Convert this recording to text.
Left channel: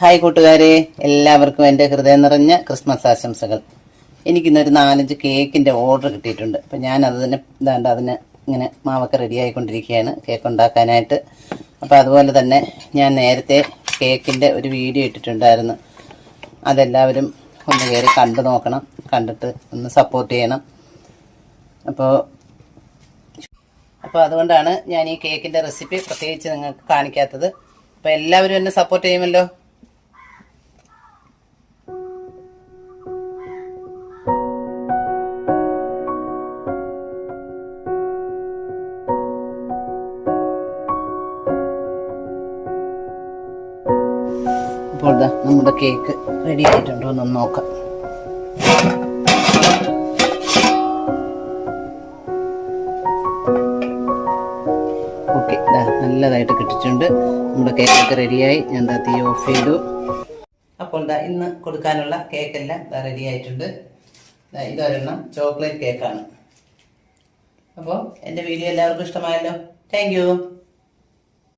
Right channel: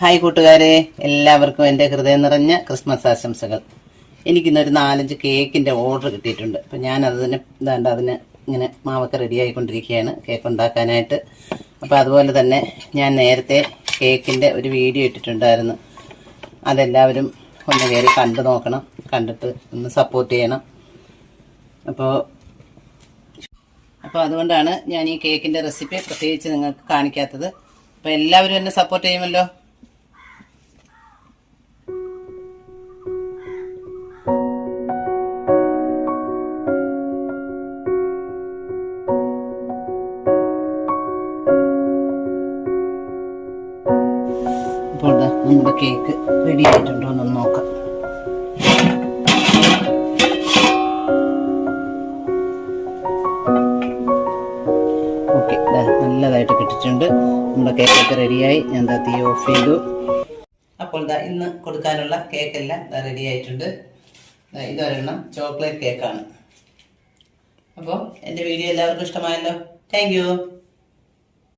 Hi കൂട്ടുകാരെ എല്ലാവർക്കും എന്റെ ഹൃദയം നിറഞ്ഞ ക്രിസ്മസ് ആശംസകൾ. എനിക്കിന്നൊരു നാലഞ്ച് കേക്കിന്റെ ഓർഡർ കിട്ടിയിട്ടുണ്ട്. അപ്പം ഞാൻ അതിന് ഇതാണ്ട് അതിന് ഇങ്ങനെ മാവൊക്കെ റെഡി ആയിക്കൊണ്ടിരിക്കുകയാണ് കേക്ക് ഉണ്ടാക്കാനായിട്ട്. അപ്പോൾ അതുപോലെ തന്നെ ഞാൻ നേരത്തെ കേക്കിന്റെ ഒരു വീഡിയോ ഇട്ടിട്ടുണ്ടായിരുന്നു. അതെല്ലാവരും ഒന്ന് കയറി കണ്ടു നോക്കണം കണ്ടിട്ട് ഒന്ന് സപ്പോർട്ട് ചെയ്യണം. അപ്പോൾ അപ്പോൾ അതുകൊണ്ടാണ് ഞാൻ ഈ കേക്കിന്റെ റെസിപ്പി പ്രത്യേകിച്ച് നിങ്ങൾക്ക് കാണിക്കാത്തത്. അപ്പോൾ എല്ലാവരും എന്നെ സപ്പോർട്ട് ചെയ്യുമല്ലോ? അപ്പോൾ ഇതാ നമ്മുടെ കേക്ക് റെഡി ആയിട്ടുണ്ടോ എന്നൊന്ന് നോക്കാം. ഓക്കെ നല്ലതായിട്ട് കിട്ടിയിട്ടുണ്ട്. നമ്മുടെ കേക്കൊക്കെ റെഡിയായി ഞാൻ എന്താ തീ ഓഫ് ചെയ്തു. അപ്പോൾ ദാ ഇന്ന് കൊടുക്കാനുള്ള കേക്കെല്ലാം എല്ലാം റെഡി ആയിട്ടുണ്ട്. ഇതൊരെണ്ണം ചോക്ലേറ്റ് കേക്കാണ് അപ്പോൾ എന്റെ വീഡിയോ എല്ലാവർക്കും ഇഷ്ടമായല്ലോ. താങ്ക്